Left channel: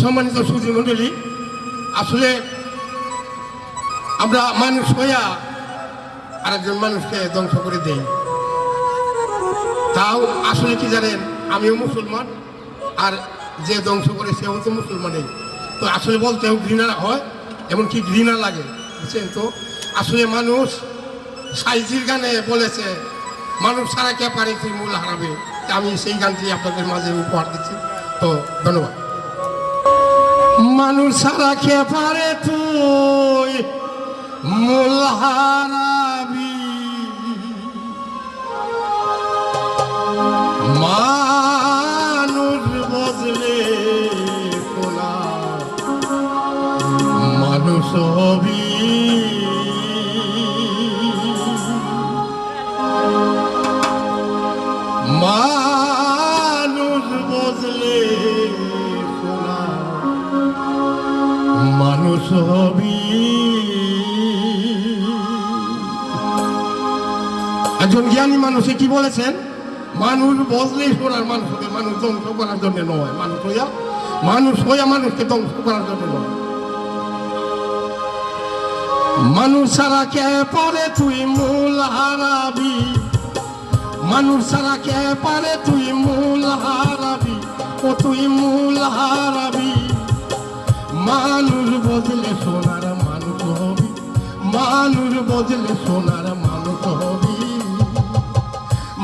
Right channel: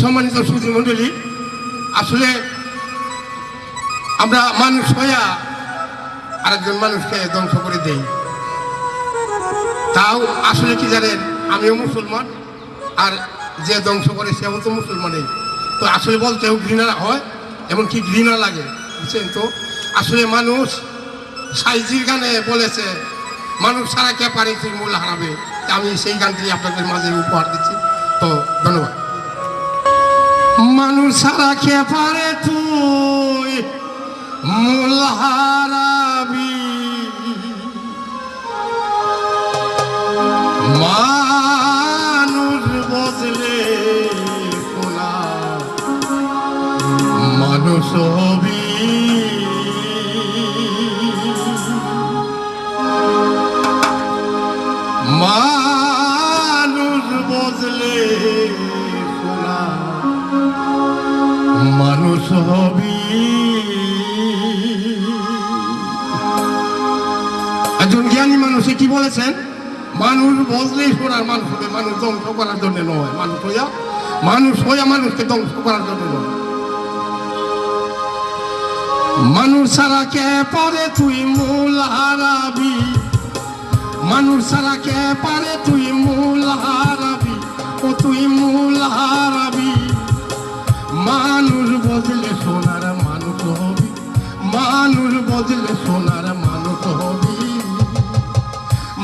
সম্মানিত সুধী মণ্ডলী, আসলে আমরা মানুষ হইয়া আরেকজন মানুষকে ধ্বংস করে দেই। তাও আসলে কি জানেন, আমিও মুসলমান, আর যে ধ্বংস করে সেও তো মুসলমানই। তো আসলে বলতেও ঘৃণা হয়, এমনকি ঘৃণা লাগে, বুঝছেন তো। আসলে মানুষ সাইজির গানে বলেছে, মানুষ ছাড়া কে পারে তুই মূল হারাবে। আমি সেই গানটি আপনাদের মাঝে উপহার দিচ্ছি। তো ধন্যবাদ। মানুষ ছাড়া কে পারে তুই মূল হারাবি, মানুষ বজলে কোলা মানুষ হবি। মানুষ বজলে কোলা মানুষ হবি। একজন জ্ঞানী মানুষে কি বলেছেন, মানুষ বজলেই সোনার মানুষ হবে, মানুষ ধ্বংস করার জন্য নয়। মানুষ হইয়া মানুষকে ধ্বংস করার জন্য নয়। মানুষ ছাড়া কে পারে তুই মূল হারাবি, মানুষ ছাড়া কে পারে তুই মূল হারাবি, ও তুই মূল হারাবি। মানুষ বদলে সোনার মানুষ হবি, মানুষ বদলে সোনার মানুষ হবি।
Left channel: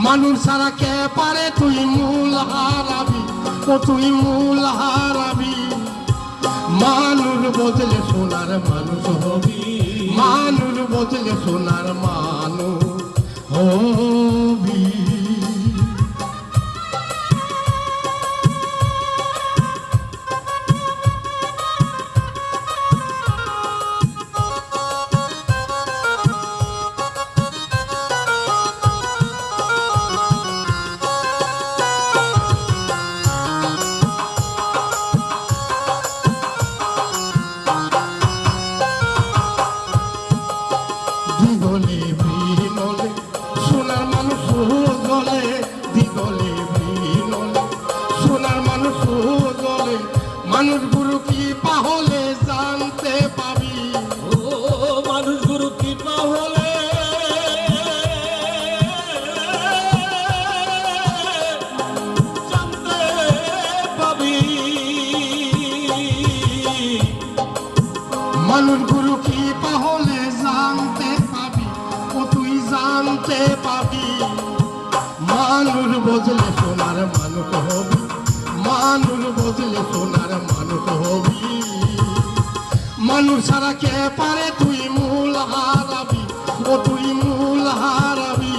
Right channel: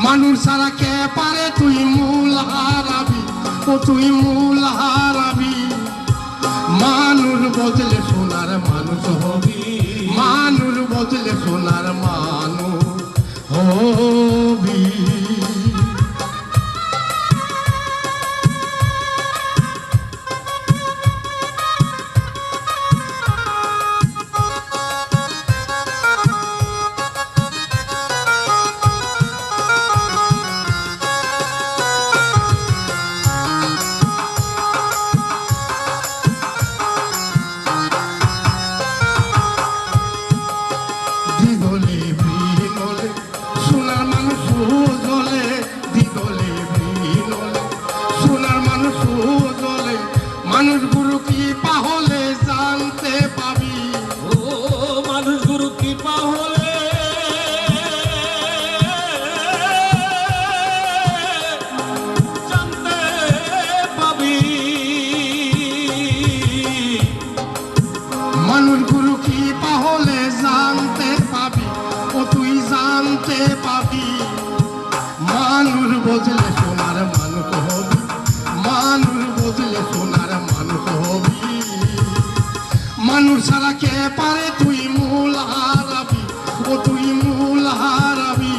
মানুষ ছাড়া কে পারে তুই মূল হারাবি, ও তুই মূল হারাবি। মানুষ বদলে সোনার মানুষ হবি, মানুষ বদলে সোনার মানুষ হবি। মানুষ গুরু কি পাহলে জানতে পাবি, ও মানুষ গুরু কি পাহলে জানতে পাবি। মানুষ গুরু কি পাহলে জানতে পাবি, ও তুই জানতে পাবি। মানুষ বদলে সোনার মানুষ হবি, মানুষ বদলে সোনার মানুষ হবি। মানুষ ছাড়া কে পারে তুই মূল হারাবি, ও তুই মূল হারাবি।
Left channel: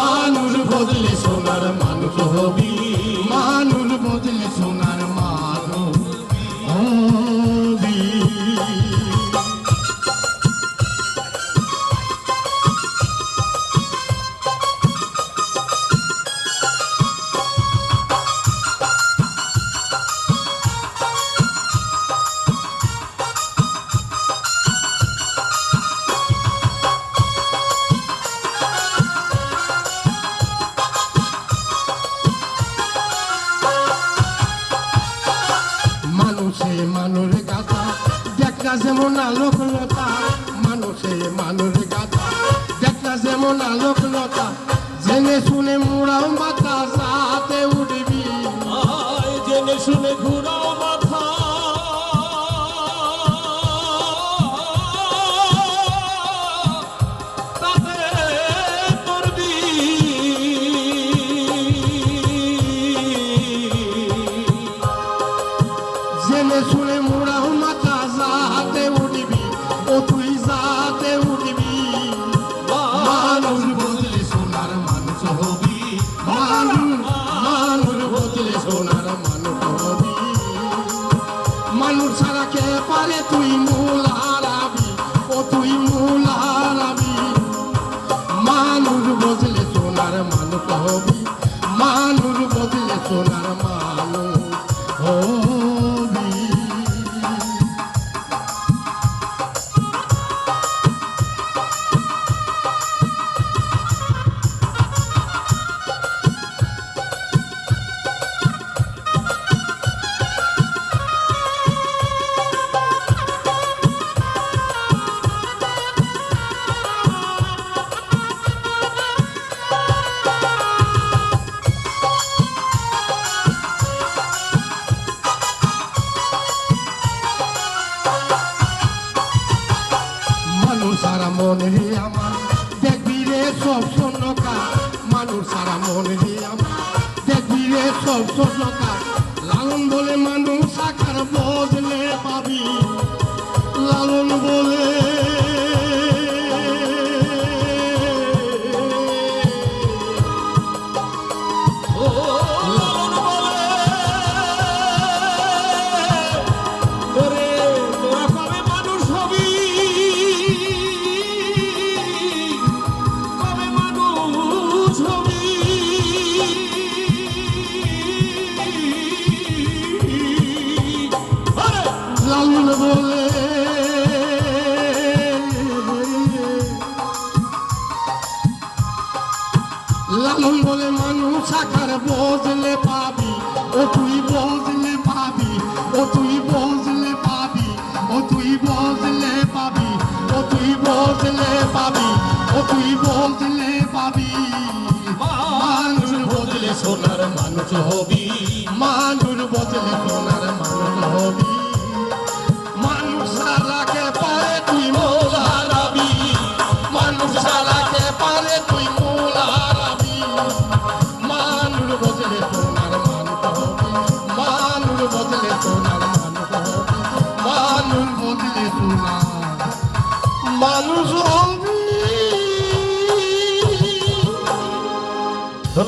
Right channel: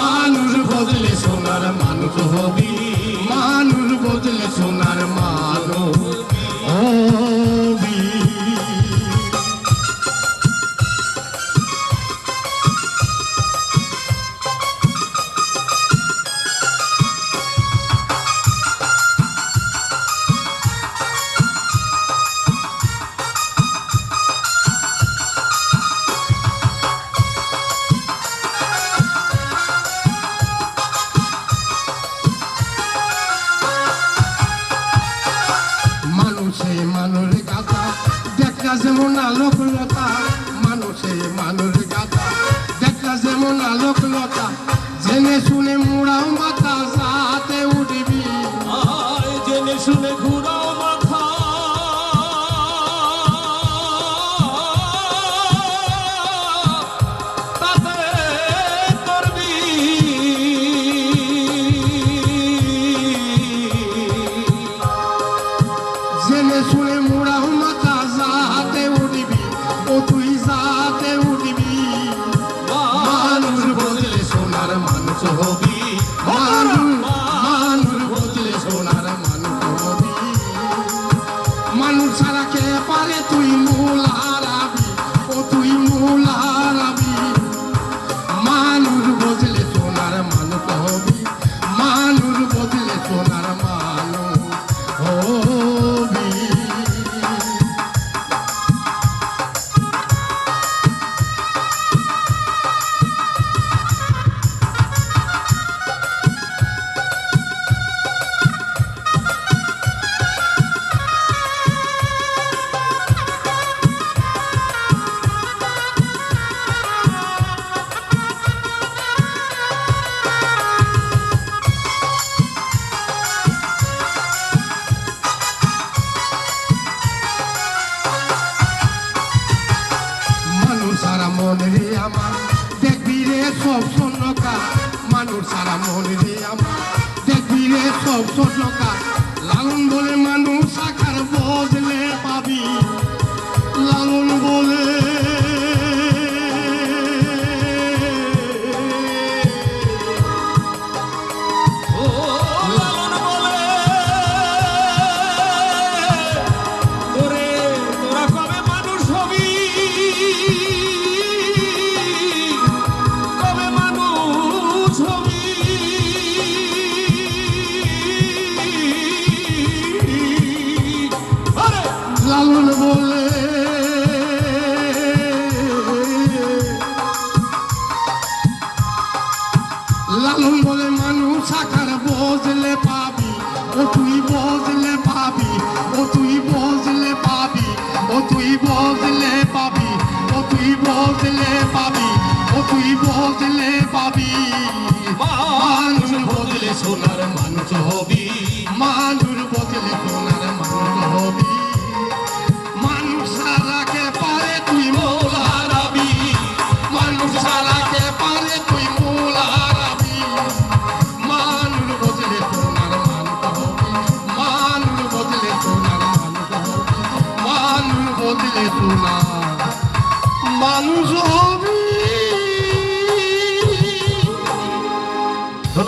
মানুষ বদলে সোনার মানুষ হবি, মানুষ বদলে সোনার মানুষ হবি। মানুষে মানুষ গাথা দেখা যেমন আলোকলতা, মানুষে মানুষ গাথা দেখা যেমন আলোকলতা। জেনে শুনে মুড়াও মাথা সাথে উঠবি, জেনে শুনে ঘুরাও মাথা তাতে করবি। জেনে শুনে মুড়াও মাথা যাতে উঠবি, ও তুই যাতে উঠবি। মানুষ বদলে সোনার মানুষ হবি, মানুষ বদলে সোনার মানুষ হবি। মানুষ ছাড়া কে পারে তুই মূল হারাবি, ও তুই মূল হারাবি। মানুষ বদলে সোনার মানুষ হবি, মানুষ বদলে সোনার মানুষ হবি। মন রে আমার দেখবি রে সব শূন্যকার মানুষ সারা মন রে আমার দেখবি রে সব শূন্যকার লালন বলে মানুষ সাকার বদলে পাবি লালন বলে ও লালন বলে ওরে তোরা কবে মানুষ হবি কবে মানুষ হবি আরে লালন বলে লালন বলে মানুষ সাকার বদলে পাবি ও তুই বদলে পাবি ও তুই বদলে পাবি ও তুই বদলে পাবি ও তুই বদলে পাবি ও তুই বদলে পাবি মানুষ বদলে সোনার মানুষ হবি মানুষ বদলে সোনার মানুষ হবি মানুষ সালাকে পারে তুই মোলা হারাবি মানুষ সালাকে পারে তুই মোলা হারাবি মানুষ বদলে সোনার মানুষ হবি মানুষ বদলে সোনার মানুষ হবি মানুষ বদলে সোনার